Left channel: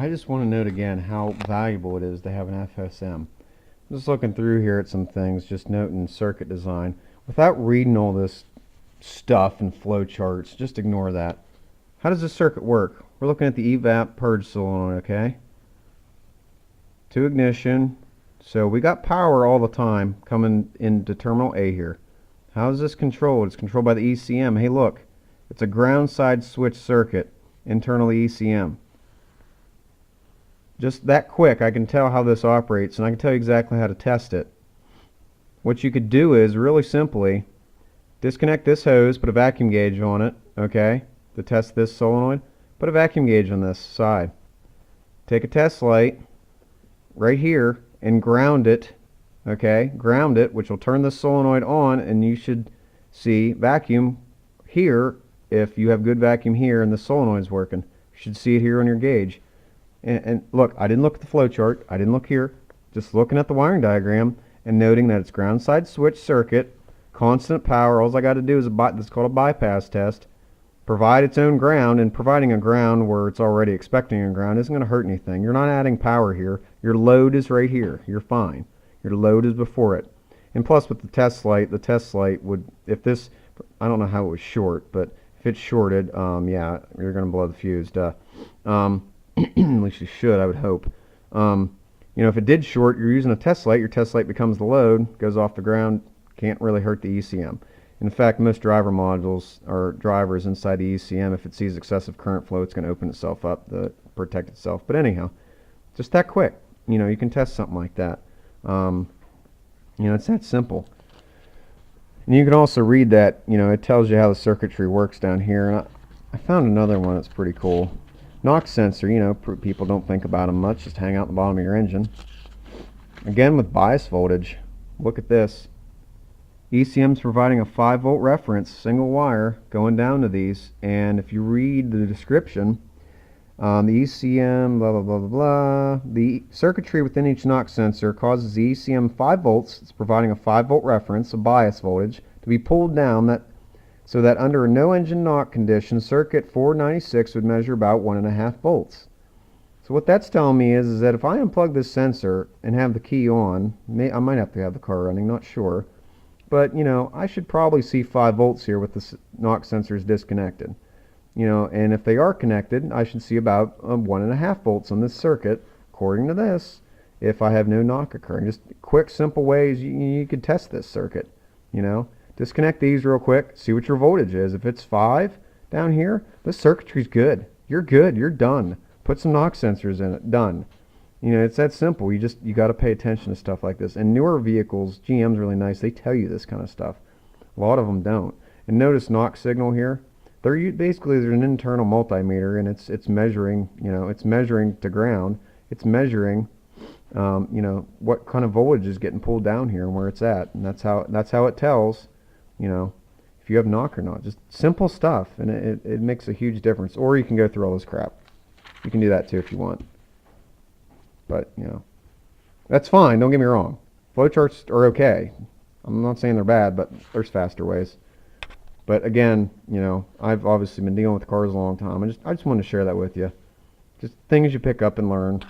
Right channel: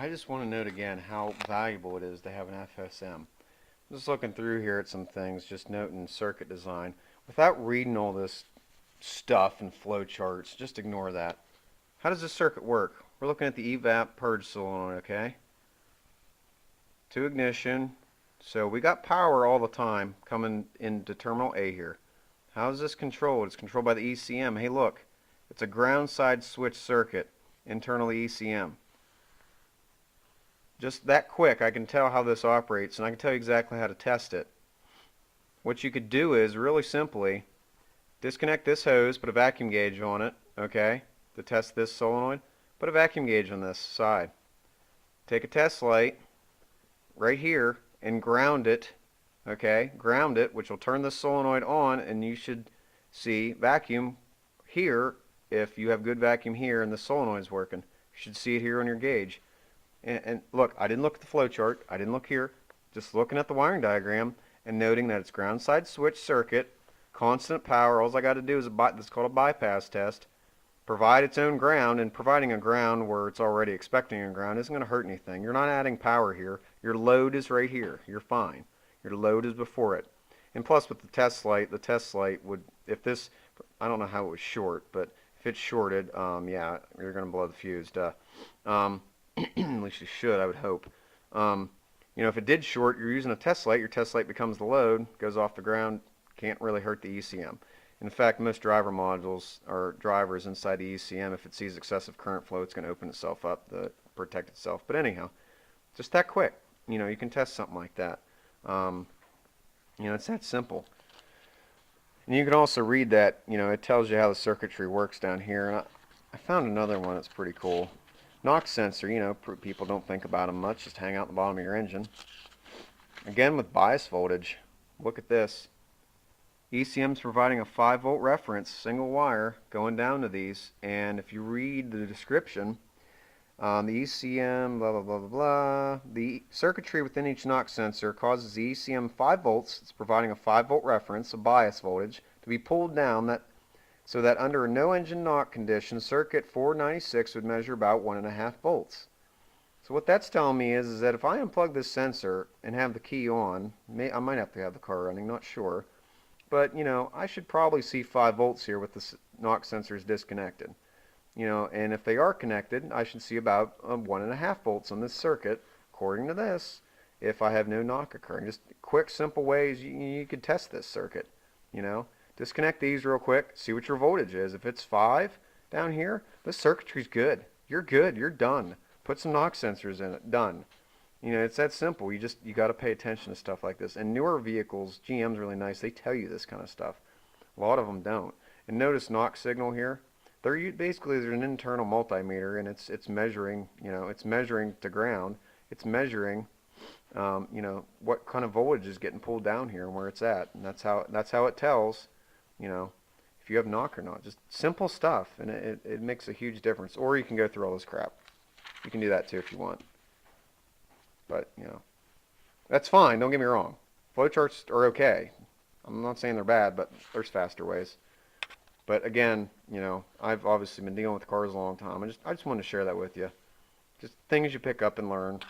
I just want to note again how valuable it is to have an FSM. I'm just looking through here at some things, just noting circuit design. Without reading all this stuff and flow charts, just ignore that. How does this circuit work? We're looking at the evap purge solenoid, okay? To ignition. So we got power all the time coming into terminal A here. How is this controlled? It's controlled by the ECM. Hey, look. It's a ground side switch circuit, internal ECM. Just that quick, I can tell how this operates, and I can tell you exactly how to test it. What you could do is, really simply, disconnect this hose, put a vacuum gauge on it, okay, to test this solenoid. Put a vacuum gauge on this side. Take a test light right here and ground it, okay, ground it, which will turn the solenoid on, and you should see vacuum here. If you have good vacuum here and the solenoid's working, you should see it here on your gauge. And look, I didn't look at the flow chart. I didn't look here. Just looking at the wiring diagram and noting that it's ground side switch circuit, constant power. All I got to do is this called a bypass test. Provide its own ground, and providing a ground where it's already expecting a ground isn't going to hurt anything. You're not adding power here. Your load is right here. You're fine. Your load is before it. And plus with the test light would, if this, I don't know how it was short, but if it's shorted, yeah, you're going to blow the fuse, duh. At least you should, I would hope. You know, if it did short, you're using a test light, your test light becomes the load, goes off the ground, can't really hurt the ECM. In fact, most driver modules or drivers inside the ECM, if it sees excessive current flow, it's going to open itself up to protect itself. But anyhow, just that quick. You know, you can test something like that. You know, it's that simple. And you can also read that, you know, it tells you how the circuitry works down here. And I found another one that's pretty cool. Knox sensor, you know, people don't think about them much, just hang out the bottom of your engine. Again, with bias voltage, look at this. ECM's providing a 5-volt reference, single wire, going down to these, and if you read the description, the ECM, blah, blah, blah, blah, blah, the circuitry within each Knox sensor causes the ECM 5 volts, it's providing a 5-volt reference, a bias voltage, to be pulled down so that under a no engine knock condition, circuit 496 would measure about 1.5 volts. So what that's telling me is that if I unplug this sensor and have the key on, I might have to have the car running, not sure, but you know, I should probably see 5 volts here with the Knox sensors disconnected. You know, and if they are connected, I should see about 1.5 volts on this circuit, according to this, if I have no knock occurring. Just quick, simple ways you could test this circuit, you know. Disconnect these real quick, see what your voltage is. If it's 5 down here, this circuitry's good. You're good, you're done. Put some Knox sensors in it, done. You know, it's that simple. You got to pay attention to stuff like this. And newer vehicles, GM's really nice, they tell you this kind of stuff. A lot of them don't. And notice Knox signal here. Basically, there's an internal multimeter, and it's measuring, you know, it's measuring to ground. It's measuring, you know, what kind of voltage is getting pulled down here and where it's at. And that's how it tells, you know, if you have knock or not. Just simple stuff, and it makes a huge difference. Or you can go through all this crap. You can do that too if you want. But, you know, that's fine. Don't get me wrong. Flowcharts are okay. I'm not saying they're bad, but there's faster ways. But again, you know, I've obviously been dealing with cars a long time. I just wanted to share that with you. Just things you pick up and learn.